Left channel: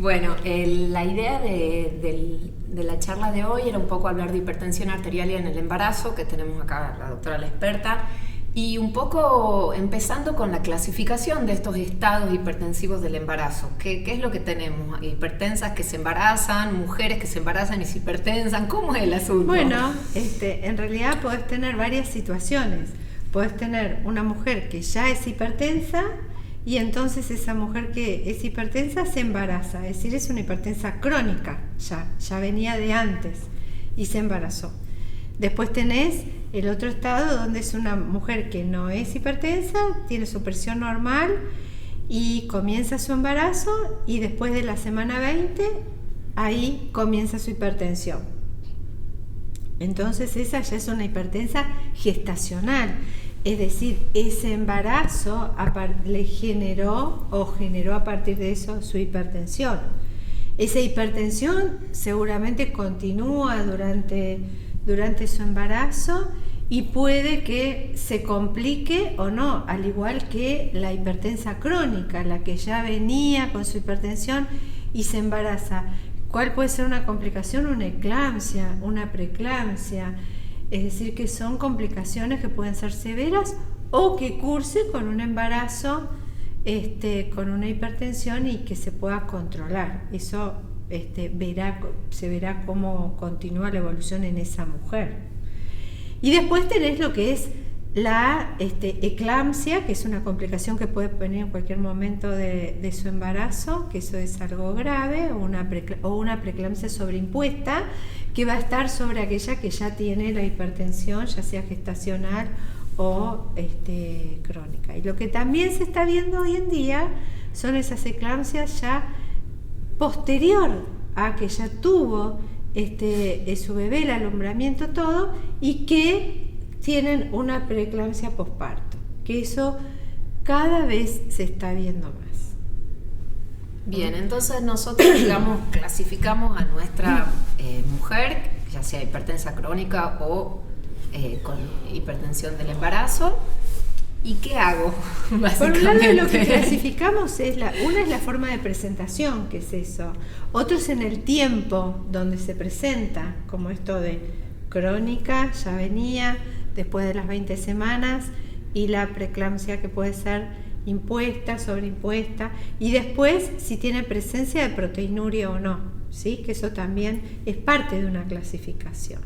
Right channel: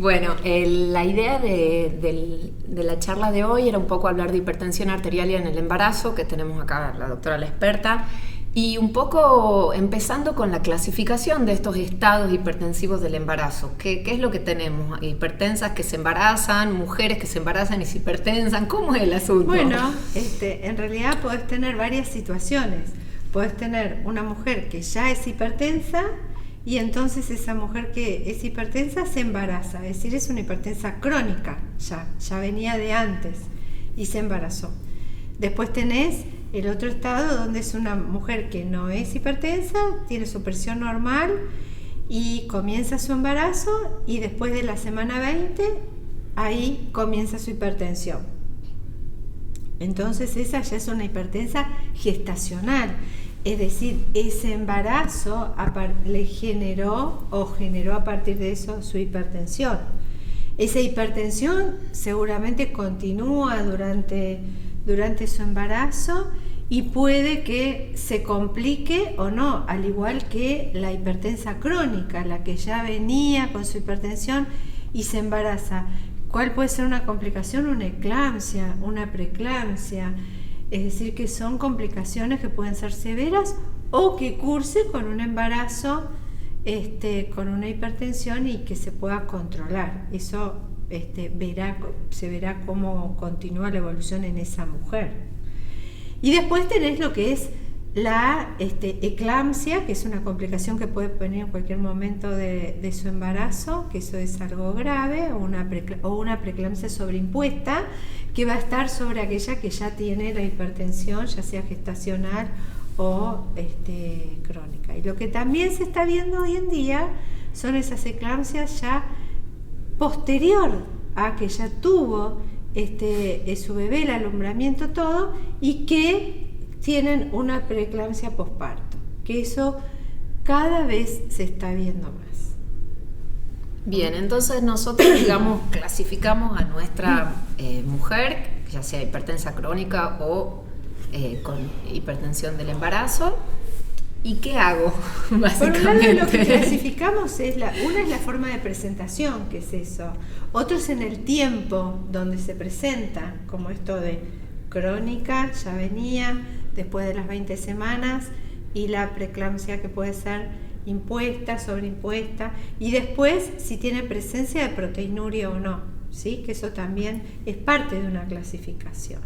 Bueno, la idea de la charla de hoy era un poco hablar de hipertensión arterial en el embarazo, que tenemos acá la doctora, la experta, y un poco empezando con la clasificación de estos estados hipertensivos del embarazo. ¿Qué es lo que tenemos? Hipertensas que se embarazan, mujeres que se embarazan y se hipertensan. ¿Cómo es el asunto? Bueno, en realidad podés tener varias situaciones. Podés tener una mujer que ya es hipertensa y entonces esa mujer que es hipertensa se embaraza. Es decir, es una hipertensa crónica, ya venía de antes y se embarazó. Después tenés el otro estado donde es una mujer que no es hipertensa, tiene su presión normal y comienza su embarazo y después de la semana 20 ahí comienza su hipertensión. Entonces esa ya es una hipertensa gestacional, es decir, ese embarazo le generó a partir de eso su hipertensión. Esa hipertensión seguramente continúa durante su embarazo y puede que se complique o no, al igual que la hipertensa crónica, la que ya venía con su hipertensión y se embaraza. ¿Cuál puede ser una complicación? Una eclampsia, una preeclampsia, es decir, que son complicaciones que pueden ser severas o que curse con un embarazo con una hipertensión y que se pueda controlar. Eso se verá cómo continúa la evolución en esa mujer. Y después tenés lo que es la eclampsia, que es una complicación que puede venir en cualquier momento de su embarazo, que eso es algo grave, o una preeclampsia sobreimpuesta, que va a estar sobre aquella que ya tiene la hipertensión, ya sea gestacional o crónica. Y lo que también se está viendo hoy en día son esas eclampsias ya posterior a que ya tuvo su bebé, el alumbramiento, todo, y que tienen una preeclampsia posparto, que eso cada vez se está viendo más. Bien, entonces nosotros, digamos, clasificamos a nuestra mujer, ya sea hipertensa crónica o con hipertensión del embarazo. ¿Y qué hago, básicamente? Por un lado, lo que clasificamos una es la forma de presentación, que es eso. Otro es en el tiempo donde se presenta, como esto de crónica, ya venía, después de las 20 semanas, y la preeclampsia que puede ser impuesta, sobreimpuesta, y después si tiene presencia de proteinuria o no, ¿sí? Que eso también es parte de una clasificación.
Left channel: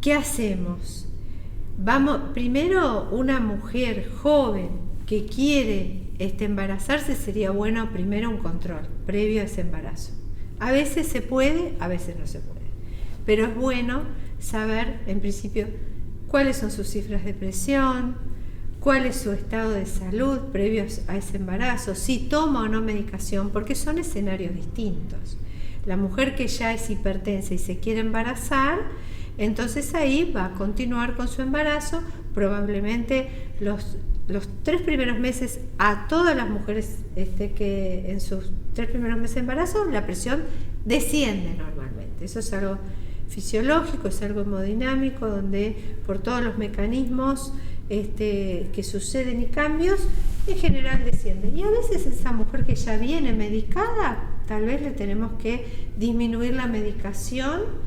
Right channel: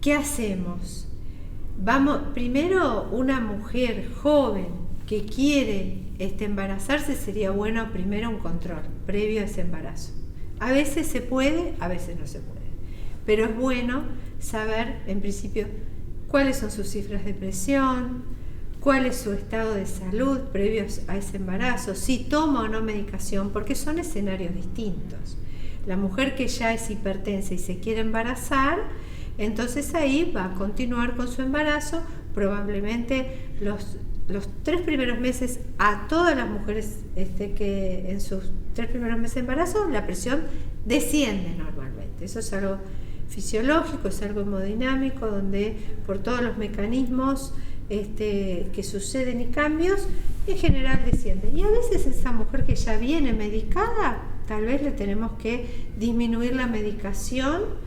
¿Qué hacemos? Primero, una mujer joven que quiere embarazarse, sería bueno primero un control previo a ese embarazo. A veces se puede, a veces no se puede, pero es bueno saber en principio cuáles son sus cifras de presión, cuál es su estado de salud previo a ese embarazo, si toma o no medicación, porque son escenarios distintos. La mujer que ya es hipertensa y se quiere embarazar, entonces ahí va a continuar con su embarazo, probablemente los 3 primeros meses. A todas las mujeres que en sus 3 primeros meses de embarazo la presión desciende normalmente. Eso es algo fisiológico, es algo hemodinámico, donde por todos los mecanismos que suceden y cambios, en general desciende. Y a veces esa mujer que ya viene medicada, tal vez le tenemos que disminuir la medicación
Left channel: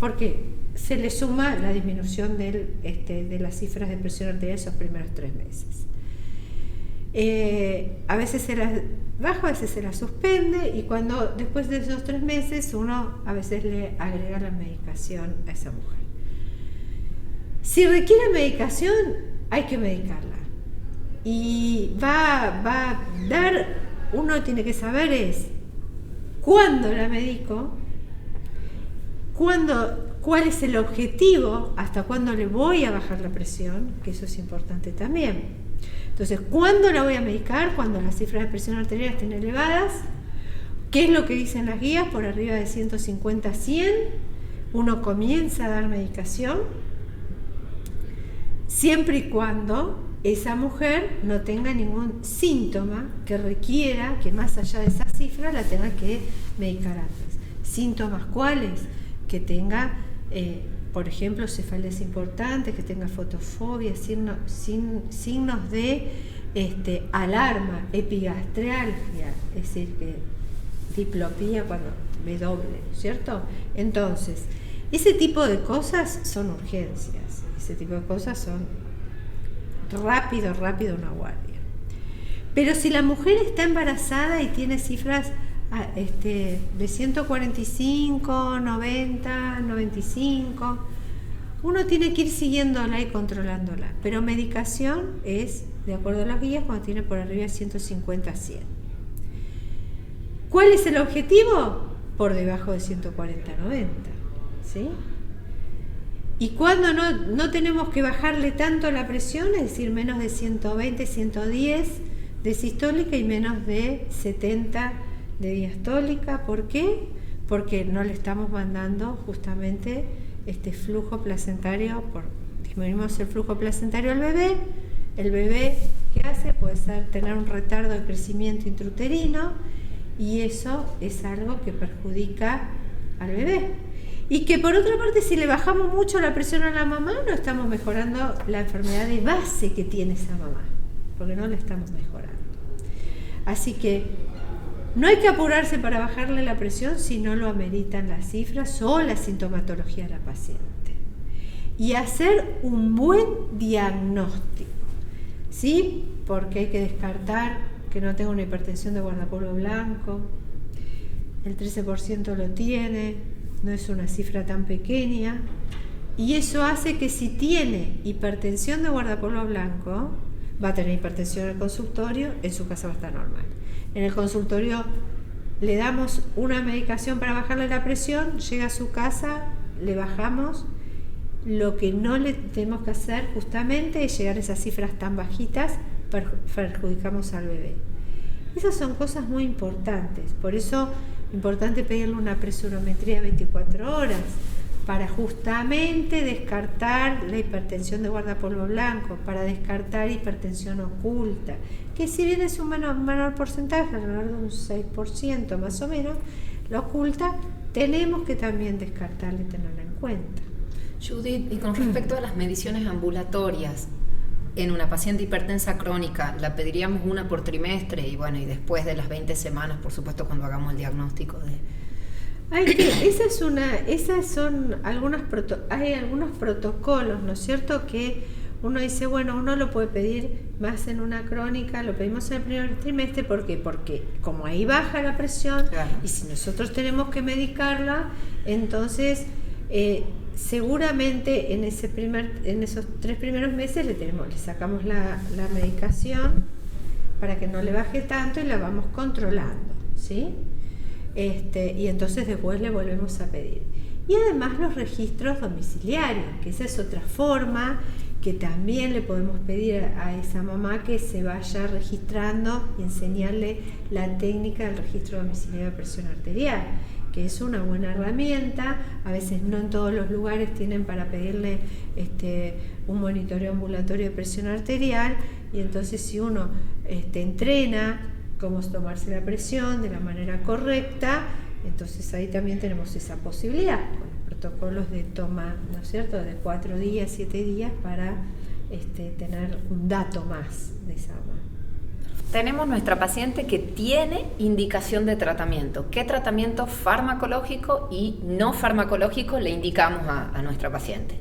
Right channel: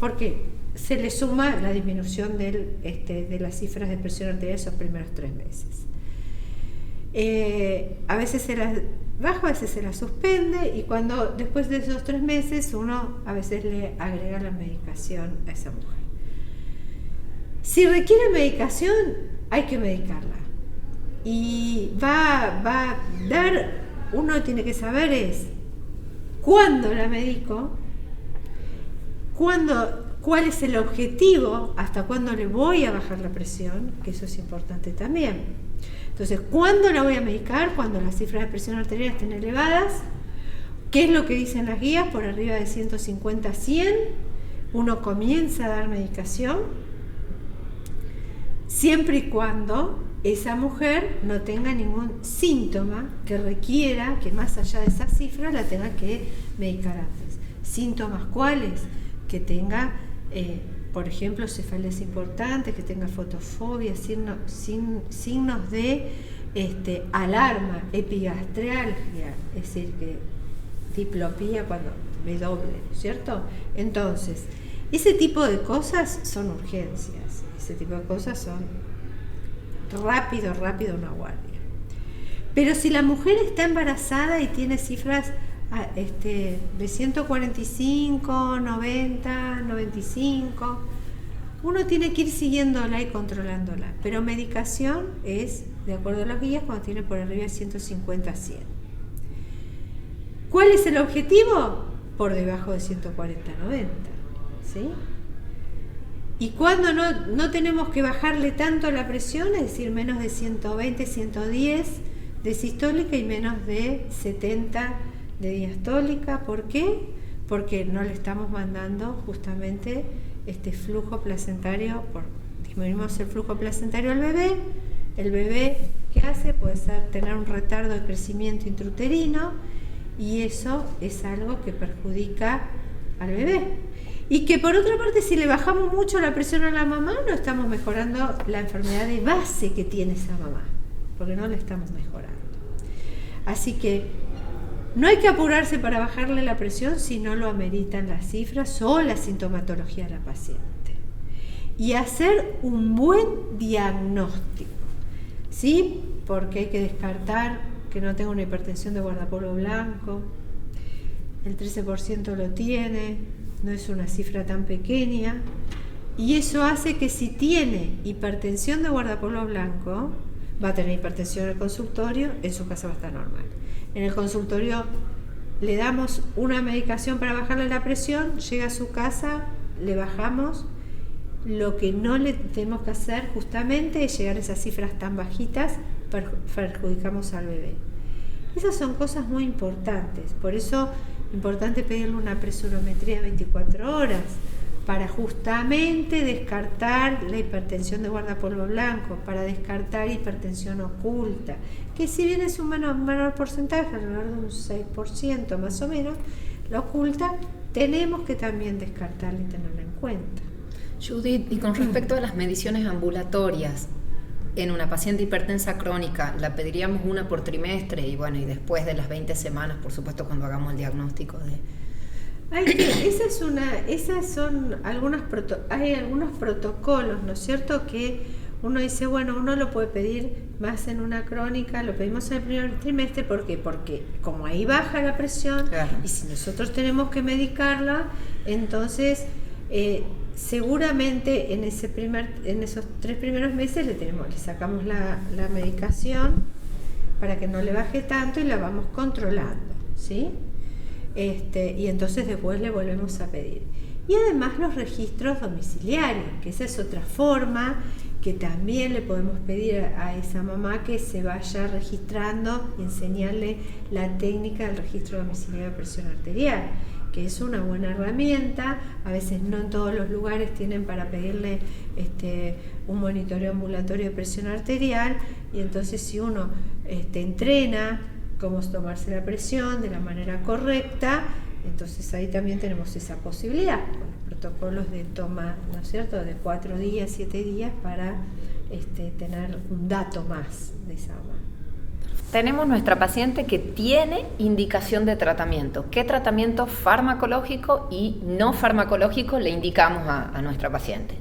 porque se le suma la disminución de las cifras de presión arterial esos primeros 3 meses. A veces se las baja, a veces se las suspende, y después de esos 3 meses uno a veces le agrega la medicación a esa mujer. Si requiere medicación, hay que medicarla. Y uno tiene que saber cuándo la medico, cuál es el objetivo, hasta cuándo le voy a bajar la presión, que eso es importante también. Entonces, ¿cuándo la voy a medicar? Cuando las cifras de presión arterial estén elevadas. ¿Qué es lo que dicen las guías? Por arriba de 150 a 100, uno comienza a dar medicación, siempre y cuando esa mujer no tenga ningún síntoma que requiera que más allá de esa cifra la tenga que medicar antes. ¿Síntomas cuáles? Que tenga, por ejemplo, cefaleas importantes, que tenga fotofobia, signos de alarma, epigastralgia, es decir, que diplopía cuando me doble, ¿cierto? Entonces, ese tipo de cosas son urgencias, ese tipo de cosas son rápido una guardia. Pero si la mujer está embarazada y tiene cifras de 145, 90, 95, uno tiene que ir siguiéndola y controlándola, pero medicación es, de acuerdo a las guías, cuando tiene por arriba de 150 a 100. ¿Cuál es el objetivo? Por debajo de 140 a 90, ¿sí? Y cuando no tenemos que bajarle tanto la presión, es decir, menos de 120, 110 de sistólica y menos de 70 de diastólica. ¿Por qué? Porque no le estamos mandando justamente este flujo placentario, disminuimos el flujo placentario al bebé. El bebé, ¿qué hace? Puede tener un retardo de crecimiento intrauterino, y eso es algo que perjudica al bebé. Y que por otra parte, si le bajamos mucho la presión a la mamá, no estamos mejorando la enfermedad de base que tiene esa mamá, porque no la estamos mejorando. Así que no hay que apurarse para bajarle la presión si no lo ameritan las cifras o la sintomatología de la paciente. Y hacer un buen diagnóstico, ¿sí? Porque hay que descartar que no tenga una hipertensión de guardapolvo blanco. El 13% lo tiene, no es una cifra tan pequeña. Y eso hace que si tiene hipertensión de guardapolvo blanco, va a tener hipertensión en el consultorio, en su casa va a estar normal. En el consultorio le damos una medicación para bajarle la presión, llega a su casa, le bajamos. Lo que no le tenemos que hacer justamente es llegar a esas cifras tan bajitas, perjudicamos al bebé. Esas son cosas muy importantes, por eso es importante pedirle una presurometría de 24 horas, para justamente descartar la hipertensión de guardapolvo blanco, para descartar hipertensión oculta, que si bien es un menor porcentaje, alrededor de un 6% más o menos, la oculta tenemos que también descartarla y tenerla en cuenta. Judith, y con respecto a las mediciones ambulatorias, en una paciente hipertensa crónica, ¿la pediríamos una por trimestre? Y bueno, y después de las 20 semanas, por supuesto, cuando hagamos el diagnóstico de... Hay algunos protocolos, ¿no es cierto? Que uno dice, bueno, uno lo puede pedir más en una crónica, lo pedimos en el primer trimestre, ¿por qué? Porque como ahí baja la presión, claro, y si nosotros tenemos que medicarla, entonces seguramente en esos 3 primeros meses le sacamos la medicación para que no le baje tanto y la vamos controlando, ¿sí? Y entonces después le volvemos a pedir. Y además los registros domiciliarios, que esa es otra forma que también le podemos pedir a esa mamá que se vaya registrando y enseñarle la técnica del registro domiciliario de presión arterial, que es una buena herramienta. A veces no en todos los lugares tienen para pedirle un monitoreo ambulatorio de presión arterial, y entonces si uno entrena cómo tomarse la presión de la manera correcta, entonces ahí también tenemos esa posibilidad, con los protocolos de toma, ¿no es cierto?, de 4 días, 7 días, para tener un dato más de esa mamá. Tenemos nuestra paciente que tiene indicación de tratamiento. ¿Qué tratamiento farmacológico y no farmacológico le indicamos a nuestra paciente?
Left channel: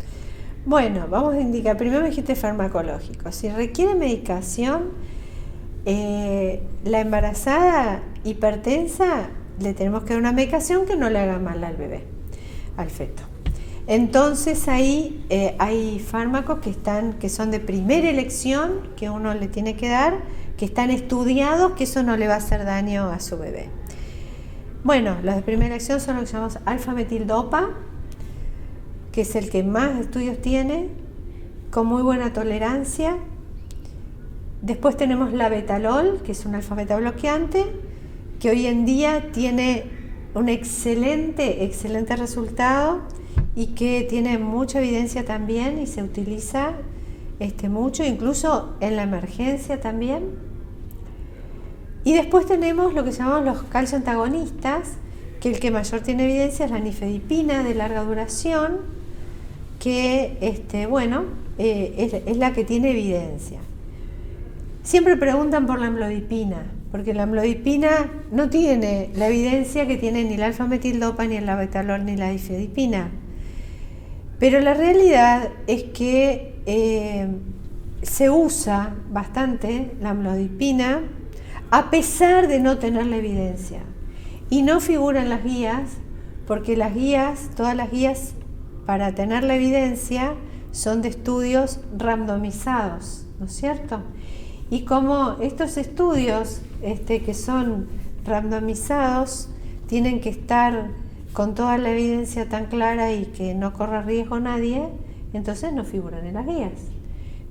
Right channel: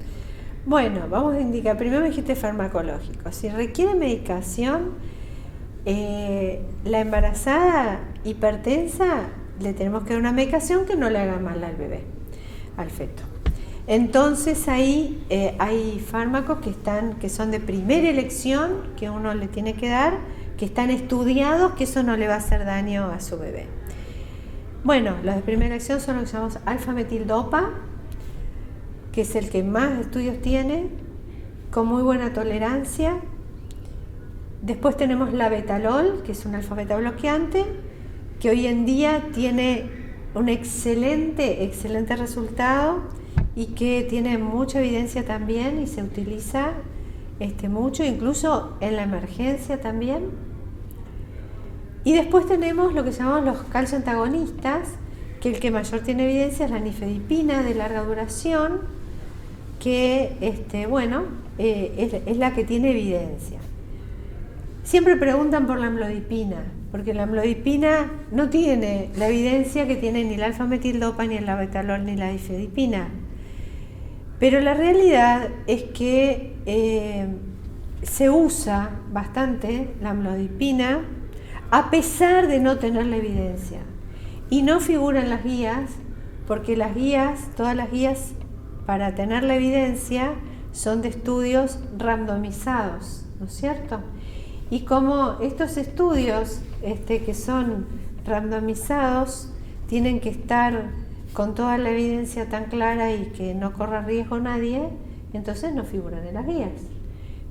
Bueno, vamos a indicar, primero me dijiste farmacológico. Si requiere medicación, la embarazada hipertensa, le tenemos que dar una medicación que no le haga mal al bebé, al feto. Entonces ahí hay fármacos que son de primera elección, que uno le tiene que dar, que están estudiados, que eso no le va a hacer daño a su bebé. Bueno, los de primera elección son los que llamamos alfa-metildopa, que es el que más estudios tiene, con muy buena tolerancia. Después tenemos la betalol, que es un alfa-beta bloqueante, que hoy en día tiene un excelente resultado y que tiene mucha evidencia también y se utiliza mucho, incluso en la emergencia también. Y después tenemos lo que llamamos los calcioantagonistas, que el que mayor tiene evidencia es la nifedipina de larga duración, que es la que tiene evidencia. Siempre preguntan por la amlodipina, porque la amlodipina no tiene la evidencia que tiene ni la alfa-metildopa, ni el labetalol, ni la difedipina. Pero la realidad es que se usa bastante la amlodipina a pesar de no tener la evidencia. Y no figura en las guías, porque las guías, todas las guías para tener la evidencia son de estudios randomizados, ¿no es cierto? Y como estos estudios que son randomizados tienen que estar con toda la evidencia tan clara y que no corra riesgo nadie, entonces no figuran en las guías.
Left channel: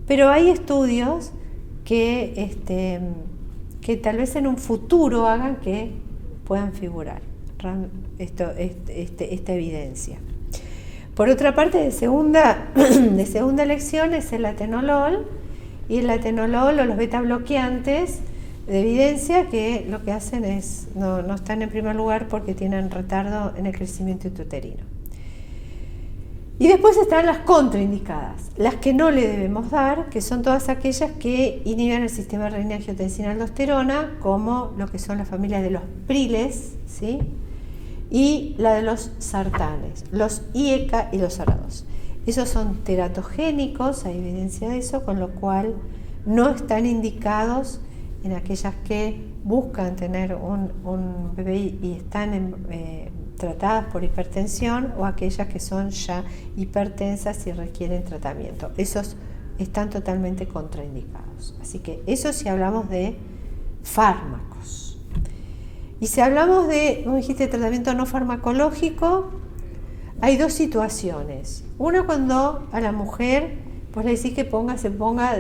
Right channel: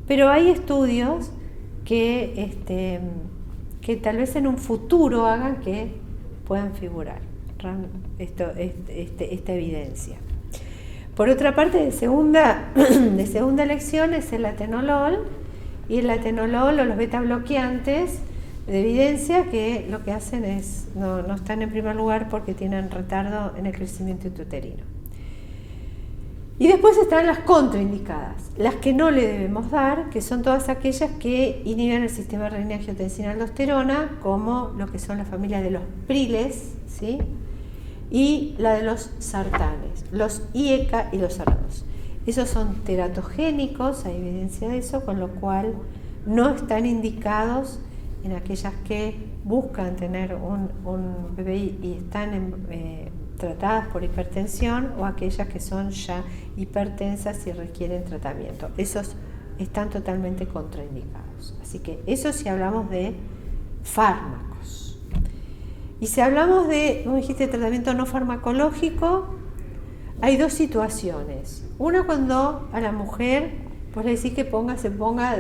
Pero hay estudios que tal vez en un futuro hagan que puedan figurar esta evidencia. Por otra parte, de segunda elección es el atenolol, y el atenolol o los beta bloqueantes de evidencia que lo que hacen es, no están en primer lugar porque tienen retardo en el crecimiento intrauterino. Y después están las contraindicadas, las que no le debemos dar, que son todas aquellas que inhiben el sistema renina-angiotensina-aldosterona, como lo que son las familias de los priles, ¿sí? Y la de los sartanes, los IECA y los ARA2. Esos son teratogénicos, hay evidencia de eso, con lo cual no están indicados en aquellas que buscan tener un bebé y están tratadas por hipertensión, o aquellas que son ya hipertensas y requieren tratamiento. Esos están totalmente contraindicados. Así que eso si hablamos de fármacos. Y si hablamos de, como dijiste, tratamiento no farmacológico, hay dos situaciones. Una, cuando a la mujer pues le decís que se ponga